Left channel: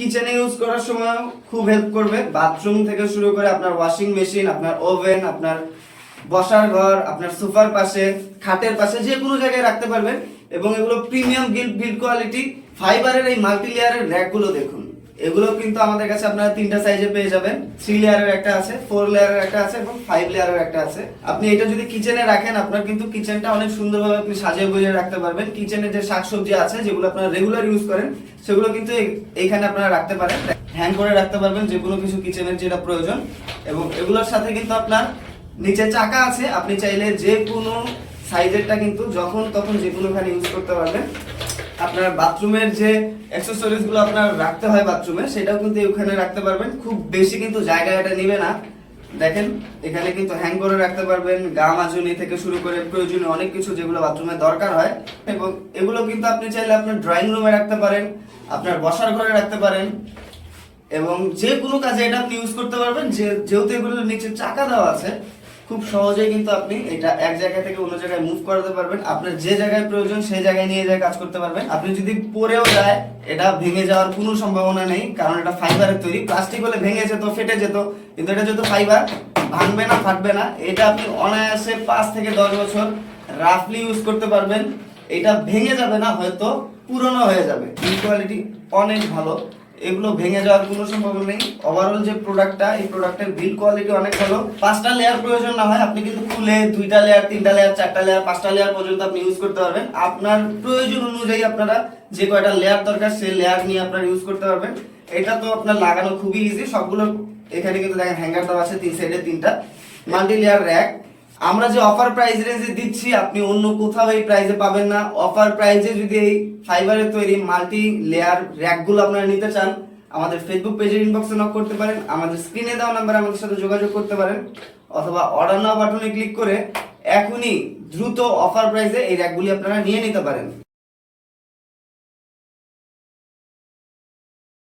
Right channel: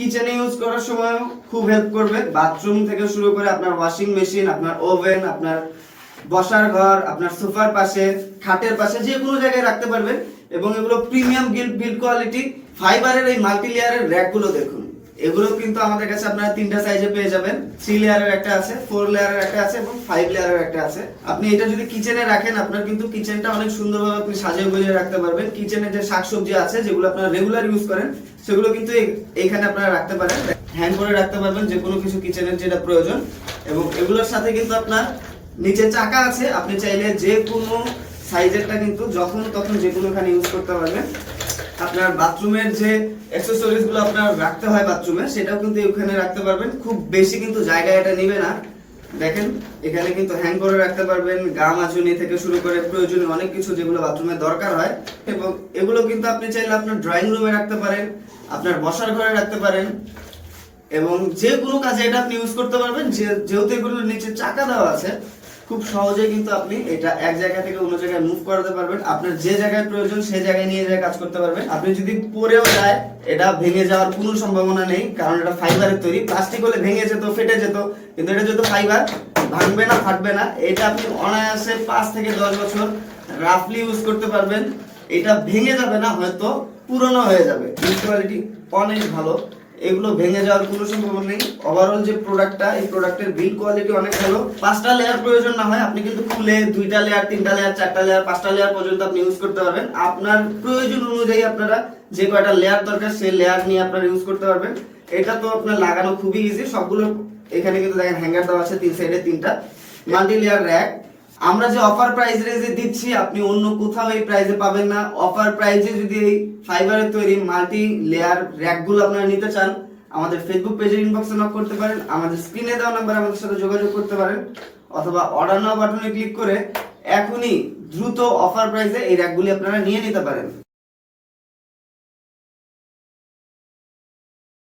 কিচেনে ইউজ করার সময় খুব হেল্প করবে। বাথরুম থেকে শুরু করে আপনার ওয়াশিং মেশিন, আপনার ওভেন, আপনার বসার ঘর, আপনার সোফার পাশে, খাটের পাশে যে কোনো জায়গায় রাখতে পারবেন। এবং এগুলো প্রিমিয়াম গিল্ড বিল্ড কোয়ালিটি ফাইবারের এই মাল্টি লেয়ারের র্যাকগুলো দেখুন। এগুলো কিন্তু আমাদের কাছে আপনারা তিনটা সাইজে পেয়ে যাবেন। থ্রি লেয়ারের একটা আছে ফোর লেয়ারের একটা আছে এবং ফাইভ লেয়ারের একটা আছে। আপনি এটা যদি কিচেনে রাখেন, আপনার কিন্তু কিচেনটা অনেক সুন্দরভাবে আপনি সাজিয়ে গুজিয়ে রাখতে পারবেন। কিচেনে যে শাকসবজি আছে, যেগুলো আপনারা রেগুলার ইউজ করেন, সেগুলো কিন্তু এইখানে আপনারা রাখতে পারেন। হ্যাং করে রাখতে পারবেন, যে কোনো কিছু কিচেনের যেটা প্রয়োজন। এবং এগুলোর সাথে কিন্তু আপনার নিচে চাকা আছে, আপনি চাইলে যে কোনো সাইজেরটা কিন্তু যখন তখন যে কোনোখানে ইউজ করতে পারবেন। আপনার বাথরুমের যে অ্যাক্সেসরিজগুলো আপনার রাখতে হয় বাথরুমে, সেটাও কিন্তু এখানে রাখতে পারবেন। খুব বেশি কিন্তু জায়গা এটা নেবে না। দেখেন, এখানে কিন্তু হ্যাং করে রাখতে পারবেন, গা মাজুনি থেকে শুরু করে প্রয়োজনীয় অনেক কিছু যেগুলো বাথরুমে দরকার হয়। এবং এগুলো কিন্তু আপনি চাইলে আপনার ড্রয়িং রুমে রাখতে পারেন, আপনার বসার ঘরে রাখতে পারেন। এবং যে কোনো কাজে এটা আপনি ইউজ করতে পারবেন যেহেতু এগুলোর নিচে চাকা দেওয়া আছে খুব সহজেই কিন্তু আপনি এটা এক জায়গা থেকে অন্য জায়গায় মুভ করাতে পারবেন। আপনার যে জায়গায় প্রয়োজন সেই জায়গায় নিয়ে যায় কাজ করতে পারবেন। আপনি যদি পরেও যায়, এটা ভেঙে যাওয়ার কোনো সম্ভাবনা নেই, কারণ এটা ফাইবারের তৈরি। প্লাস্টিক হলে ভেঙে যেত, ফেটে যেত, কিন্তু এটা যেহেতু ফাইবার ভাঙবে না, ফাটবে না, এটা আপনি অনায়াসে পাঁচ থেকে দশ বছর রাফলি ইউজ করতে পারবেন। এটা ভেঙে যাবে না, হয়তো পুরনো হয়ে যাবে। কোয়ালিটি অনেক ভালো। এগুলো ভেঙে যাওয়ার কোনো সম্ভাবনা নেই। ওভারঅল যে প্রোডাক্টটা এই প্রোডাক্টের বিল কোয়ালিটি অনেক ভালো। পাঁচটা লেয়ার প্রয়োজন না হয়, আপনি কিন্তু খুলে দুইটা লেয়ার তিনটা লেয়ার চারটা লেয়ার পাঁচটা লেয়ার পর্যন্ত আপনি ইউজ করতে পারবেন। আপনার প্রয়োজন অনুযায়ী আপনারা যে কয়টা লেয়ার দরকার, সেই লেয়ার নিয়ে আপনারা ইউজ করতে পারবেন। এটা তো আপনার লাগানো খুবই ইজি সবগুলো এখানে কিন্তু দেখেন হ্যাঙ্গার দেওয়া আছে তিন সাইডে তিনটা। মাল্টি লেয়ার র্যাক আমরা যে অফার প্রাইস রেঞ্জে দিচ্ছি, আপনি অন্য কোথাও এই প্রাইসে পাবেন না। অফার প্রাইসে যদি এই ফাইবারের তৈরি মাল্টি লেয়ার র্যাকগুলো আপনারা নিতে চান, আমাদের ফেসবুক পেজে ইনবক্সে নক করতে পারেন, আমাদের স্ক্রিনে দেওয়া নাম্বারে আমাদের সাথে যোগাযোগ করতে পারেন, অথবা অর্ডার নাও বাটনে ক্লিক করে এখনই দ্রুত অফার প্রাইসে এই র্যাকগুলি আপনারা নিয়ে নিতে পারেন।